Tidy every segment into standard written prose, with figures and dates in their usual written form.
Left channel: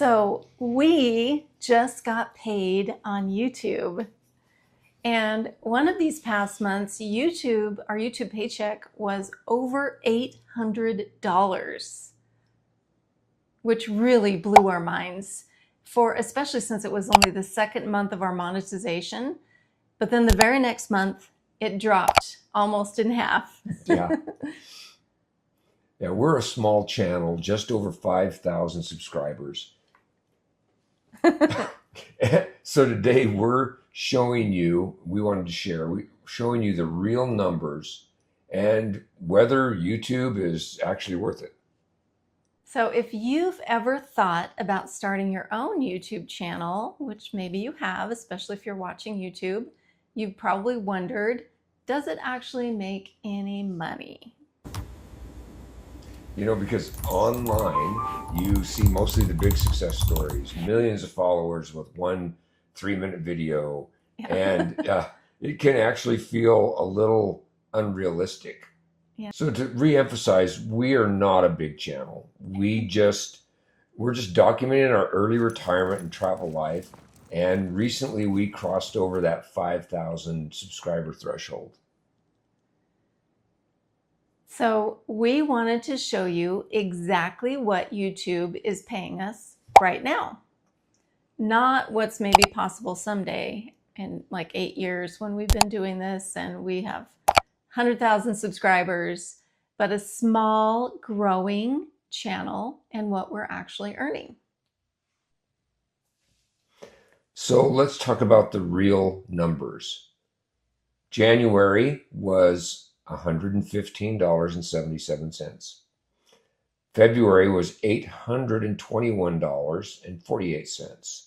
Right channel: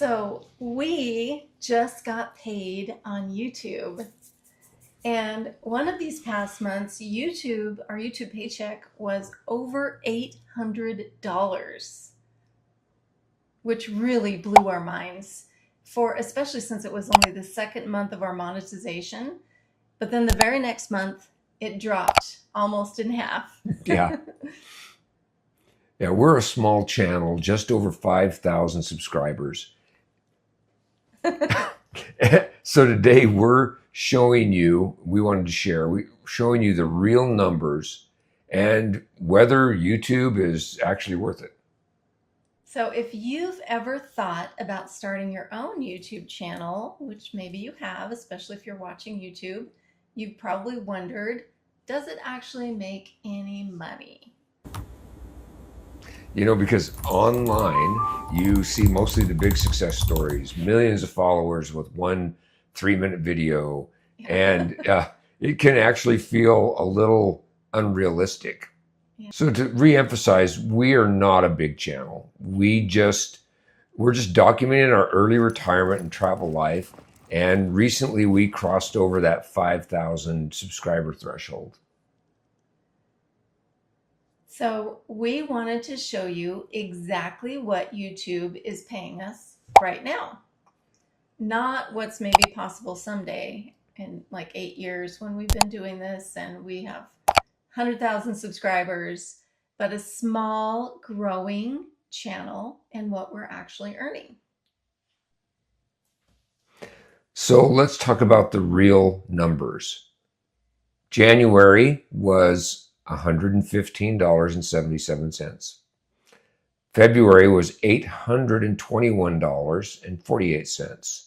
So we just got paid on YouTube. And one of these past months, our YouTube paycheck was over $800, which really blew our minds, especially since it was only the second month of our monetization. But then the very next month, it dropped almost in half. Yeah. Yeah, we're a small channel, just over 5,000 subscribers. So today we're showing you, showing you the real numbers and whether YouTube is actually worth it. So if you've ever thought about starting your own YouTube channel, which maybe you have, especially if you're watching YouTube, you've probably wondered, does it actually make any money? You know, because online you see mostly the big success stories, millions of followers with 1 3-minute video, and it can actually feel a little unrealistic. Yeah. So to re-emphasize, we are not a big channel. We're just documenting our early retirement and travel life. And recently we crossed over that 5,000 subscriber threshold. So we wanted to show you exactly what YouTube is paying us right now. Not what's maybe possible someday in like 8 years when we've been doing this and we have 100,000 subscribers, but a small growing channel and what we're actually earning. So let's talk about the real numbers. January was $115.77. February was $821.48.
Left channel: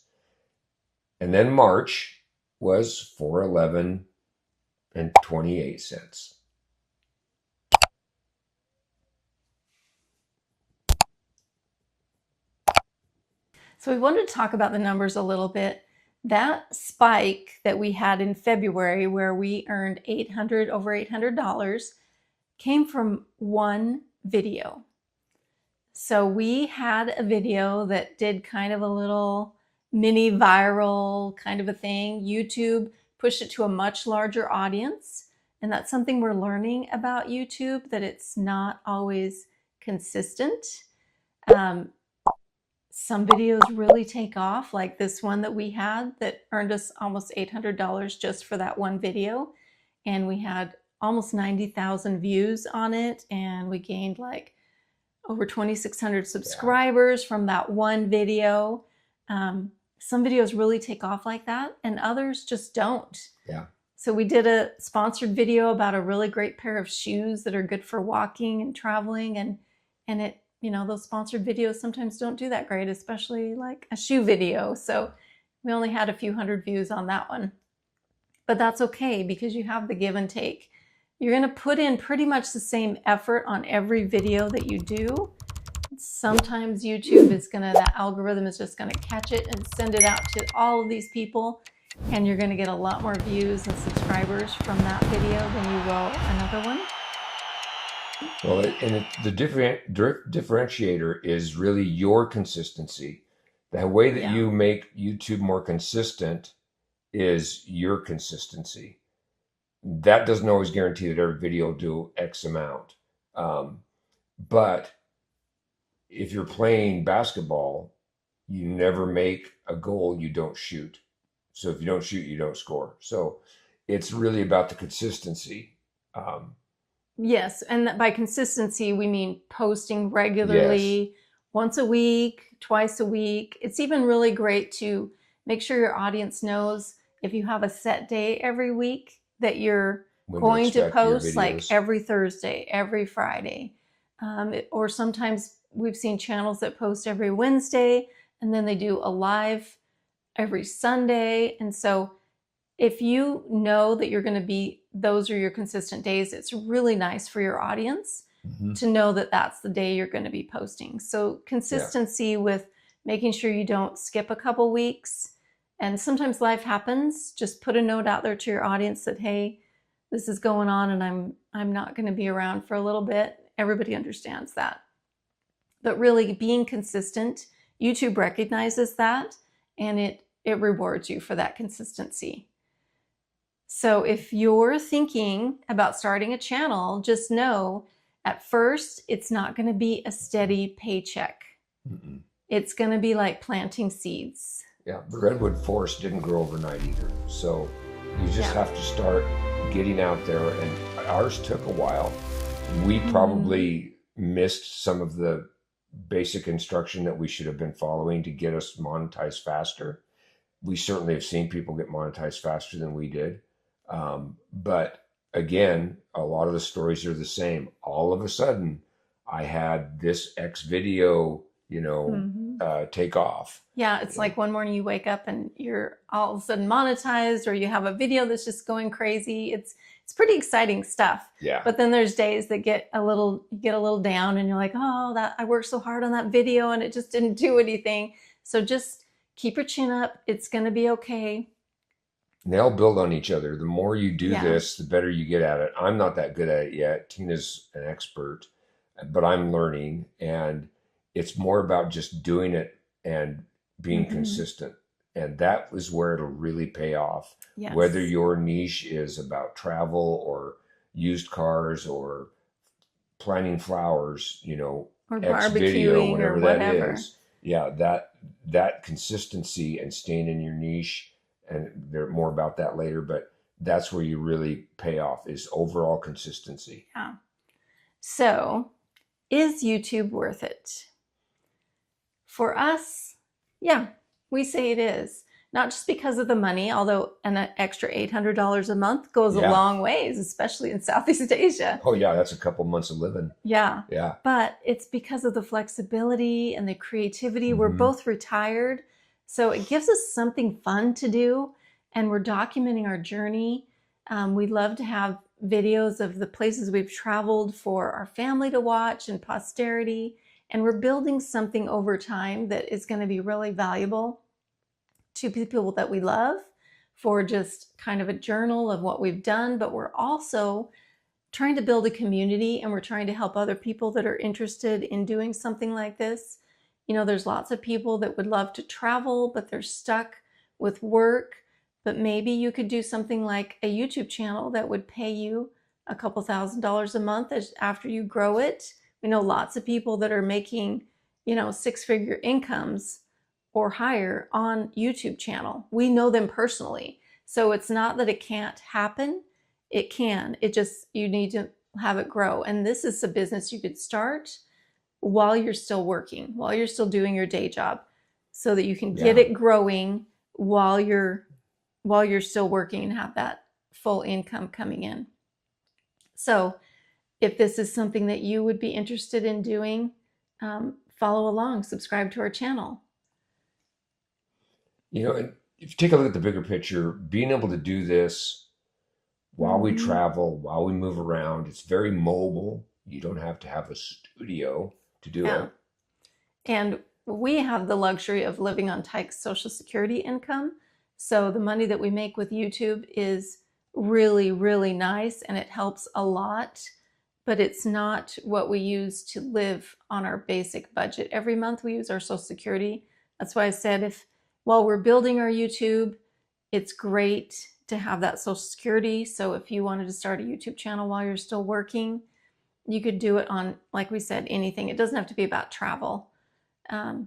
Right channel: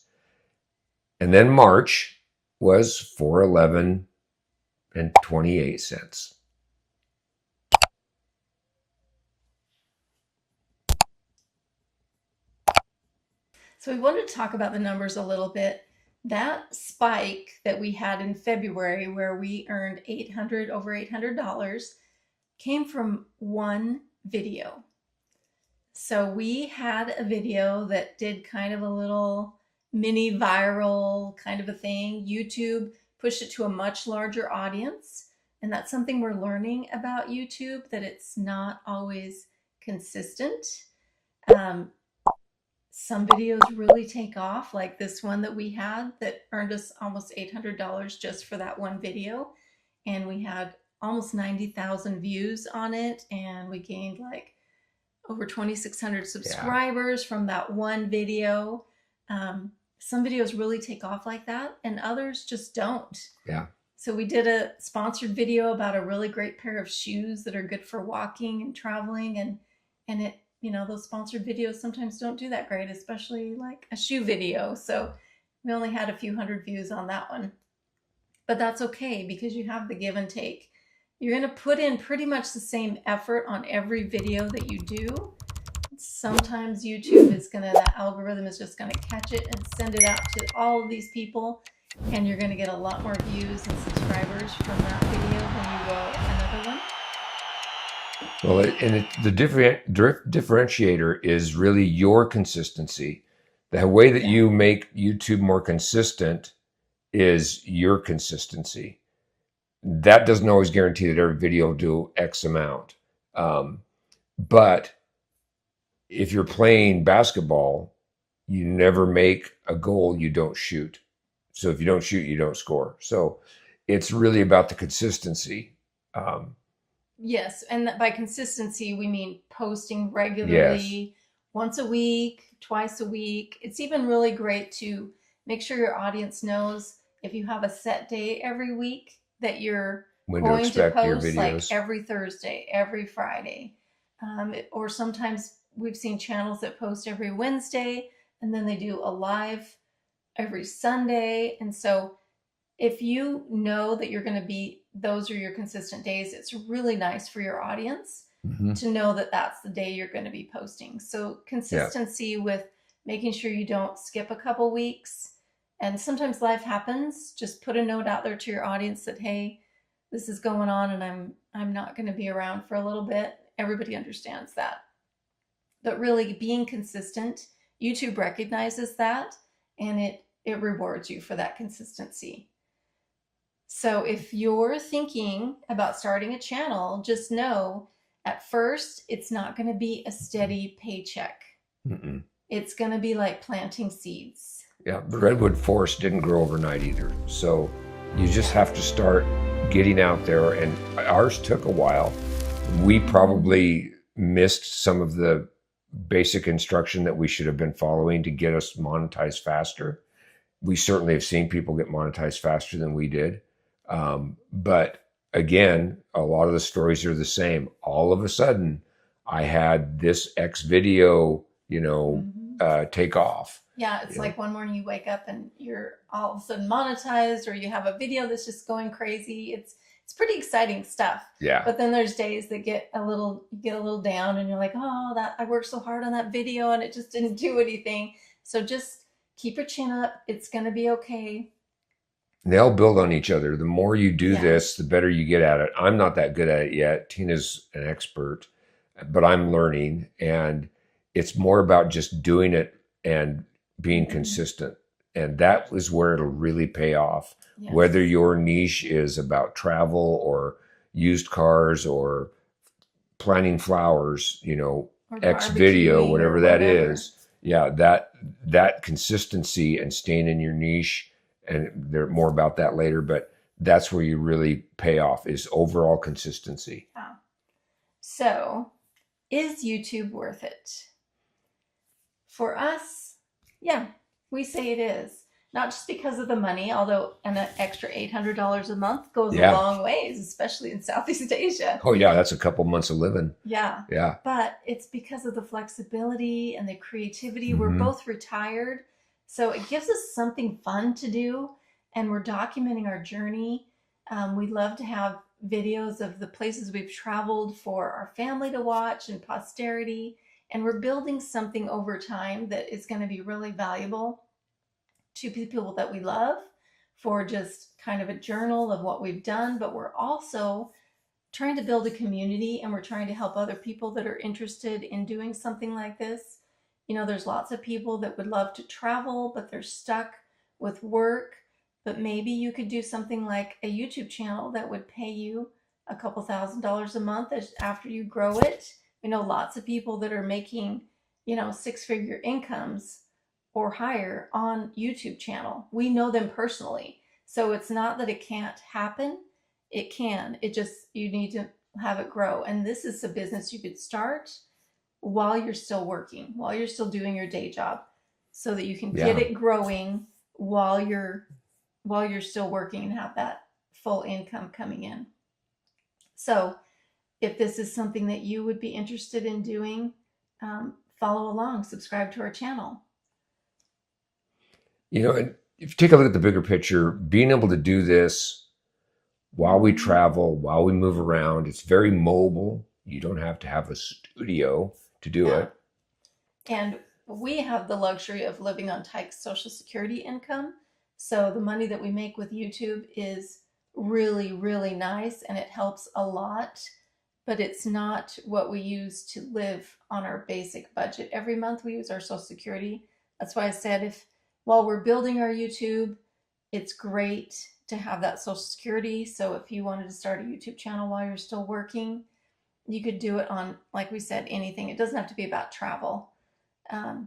And then March was $411.28. So we wanted to talk about the numbers a little bit. That spike that we had in February where we earned over $800 came from one video. So we had a video that did kind of a little mini viral kind of a thing. YouTube pushed it to a much larger audience. And that's something we're learning about YouTube, that it's not always consistent. Some videos really take off, like this one that we had that earned us almost $800 just for that one video. And we had almost 90,000 views on it. And we gained like over 2,600 subscribers from that one video. Some videos really take off like that and others just don't. Yeah. So we did a sponsored video about a really great pair of shoes that are good for walking and traveling. And it, those sponsored videos sometimes don't do that great, especially like a shoe video. So we only had a few hundred views on that one. But that's okay because you have the give and take. You're going to put in pretty much the same effort on every video that you do. Sometimes YouTube is that algorithm is just going to catch it and send it out to all of these people. And you're going to get a lot more views and subscribers from that video than you will another one. Well, the differentiator is really your consistency. The way that you make YouTube more consistent is your consistency. That doesn't always guarantee that every video will do X amount. But if you're playing basketball, you never make a goal you don't shoot. So if you don't shoot, you don't score. So it's really about the consistency. Yes, and by consistency, we mean posting regularly, once a week, twice a week. It's even really great to make sure your audience knows if you have a set day every week that you're going to post, like every Thursday, every Friday. Or sometimes we've seen channels that post every Wednesday and then they do a live every Sunday. And so if you know that you're going to those are your consistent days, it's really nice for your audience to know that that's the day you're going to be posting. So consistency with making sure you don't skip a couple weeks. And sometimes life happens. Just put a note out there to your audience that, hey, this is going on and I'm not going to be around for a little bit. Everybody understands that. But really being consistent YouTube recognizes that, and it rewards you for that consistency. So if you're thinking about starting a channel, just know at first it's not going to be a steady paycheck. It's going to be like planting seeds. Yeah, the redwood forest didn't grow overnight either. So you just have to start getting out there, and ours took a while. We probably missed some of the basic instruction that we should have been following to get us monetized faster. We certainly have seen people get monetized faster than we did. But again, a lot of the stories are the same. All of a sudden, I had this X video, take off. Yeah, it's like one morning you wake up and you're all of a sudden monetized, or you have a video that's just going crazy. It's pretty exciting stuff. Yeah. But then there's days that get a little down, and you're like, oh, that I worked so hard on that video and it just didn't do anything. So just keep your chin up. It's going to be okay. They all build on each other. The more you do this, the better you get at it. I'm not that good at it yet. Tina's an expert, but I'm learning, and it's more about just doing it and being consistent. And that is where it'll really pay off. Yes. Whether your niche is about travel or used cars or planting flowers, or X video, whatever that is. Yeah, that consistency and staying in your niche, and there's more about that later, but that's where you really pay off, is overall consistency. Yeah. So, is YouTube worth it? For us, yeah, we say it is. Not just because of the money, although an extra $800 a month goes a long ways, especially in Southeast Asia. Oh yeah, that's a couple months of living. Yeah. Yeah. But it's because of the flexibility and the creativity. We're both retired, so it gives us something fun to do, and we're documenting our journey. We'd love to have videos of the places we've traveled for our family to watch and posterity, and we're building something over time that is going to be really valuable to people that we love, for just kind of a journal of what we've done. But we're also trying to build a community, and we're trying to help other people that are interested in doing something like this. There's lots of people that would love to travel, but they're stuck with work. But maybe you could do something like a YouTube channel that would pay you a couple $1,000s a month after you grow it. We know lots of people that are making, 6-figure incomes or higher on YouTube channel. We know them personally. So it's not that it can't happen. It can. You need to have it grow. And this is a business you could start while you're still working, while you're still doing your day job, so that you can get it growing while you're still working and have that full income coming in. So if this is something that you would be interested in doing, follow along, subscribe to our channel. And if you take a look at the bigger picture, being able to do this while we travel, while we move around, it's very mobile. You don't have to have a studio to do it. And we have the luxury of living on Tyke's Social Security income. So the money that we make with YouTube is really, really nice, and it helps a lot, but it's not what we use to live on our basic budget. Every month we use our Social Security. That's why I said, while we're building our YouTube, it's great to have that Social Security. So if you wanted to start a YouTube channel while you're still working, you could do it on, like we said, anything. It doesn't have to be about travel.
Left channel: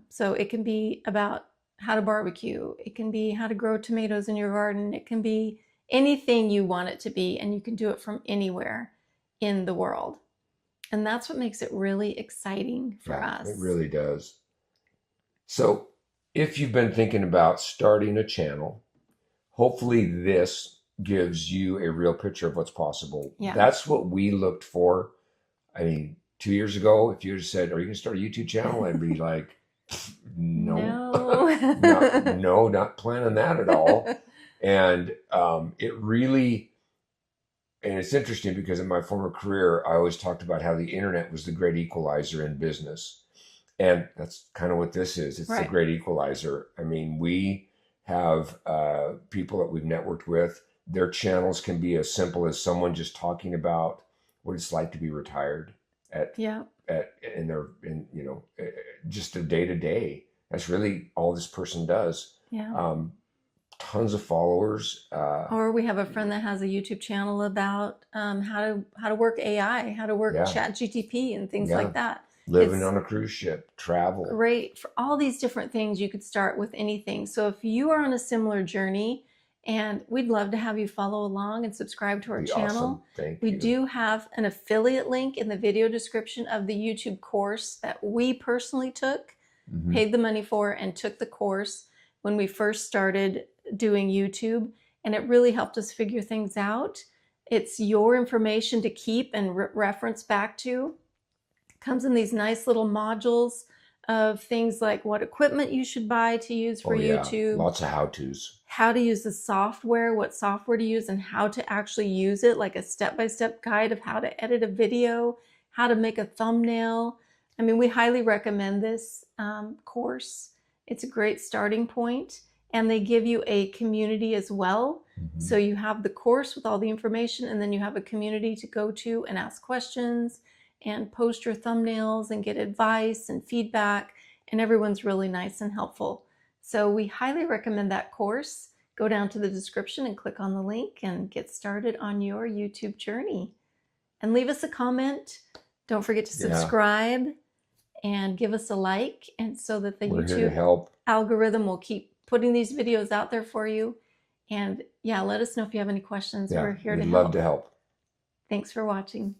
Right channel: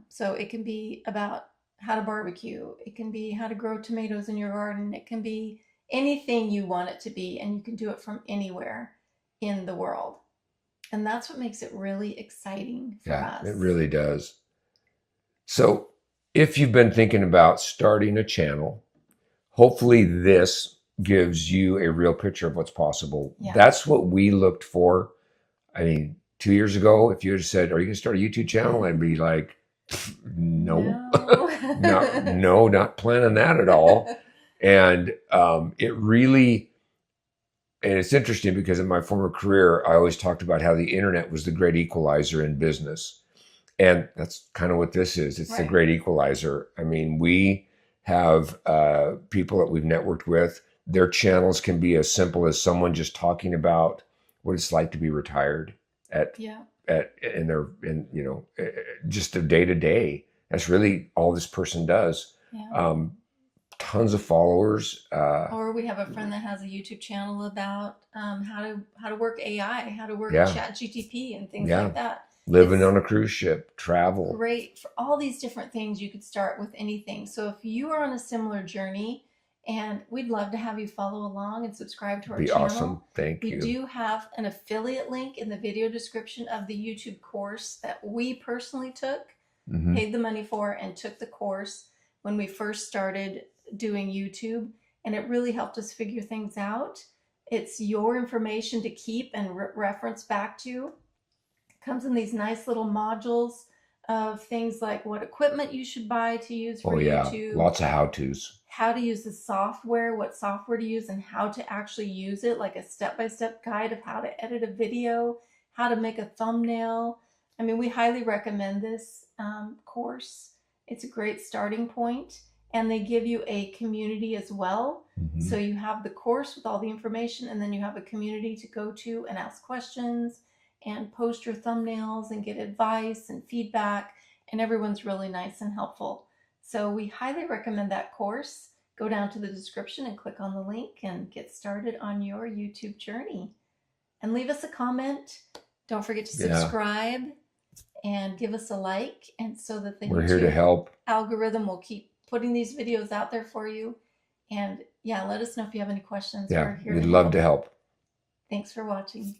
So it can be about how to barbecue. It can be how to grow tomatoes in your garden. It can be anything you want it to be, and you can do it from anywhere in the world. And that's what makes it really exciting for us. It really does. So if you've been thinking about starting a channel, hopefully this gives you a real picture of what's possible. Yeah. That's what we looked for. I mean, 2 years ago, if you had said, are you going to start a YouTube channel? I'd be like, no, not planning that at all. And it's interesting because in my former career, I always talked about how the internet was the great equalizer in business. And that's kind of what this is. It's the great equalizer. I mean, we have people that we've networked with. Their channels can be as simple as someone just talking about what it's like to be retired just a day to day. That's really all this person does. Yeah. Tons of followers. Or we have a friend that has a YouTube channel about how to work AI, how to work Chat GTP and things like that. Living on a cruise ship, travel. Great for all these different things. You could start with anything. So if you are on a similar journey, and we'd love to have you follow along and subscribe to our channel. Awesome. Thank you. We do have an affiliate link in the video description of the YouTube course that we personally took, paid the money for, and took the course when we first started doing YouTube. And it really helped us figure things out. It's your information to keep and reference back to. It comes in these nice little modules of things like what equipment you should buy to use for YouTube. Lots of how-tos. How to use the software, what software to use, and how to actually use it, like a step-by-step guide of how to edit a video, how to make a thumbnail. I mean, we highly recommend this course. It's a great starting point, and they give you a community as well. So you have the course with all the information, and then you have a community to go to and ask questions and post your thumbnails and get advice and feedback, and everyone's really nice and helpful. So we highly recommend that course. Go down to the description and click on the link and get started on your YouTube journey. And leave us a comment. Don't forget to subscribe and give us a like, and so that the YouTube here to help. Algorithm will keep putting these videos out there for you. And let us know if you have any questions. We're here to help. We'd love to help. Thanks for watching.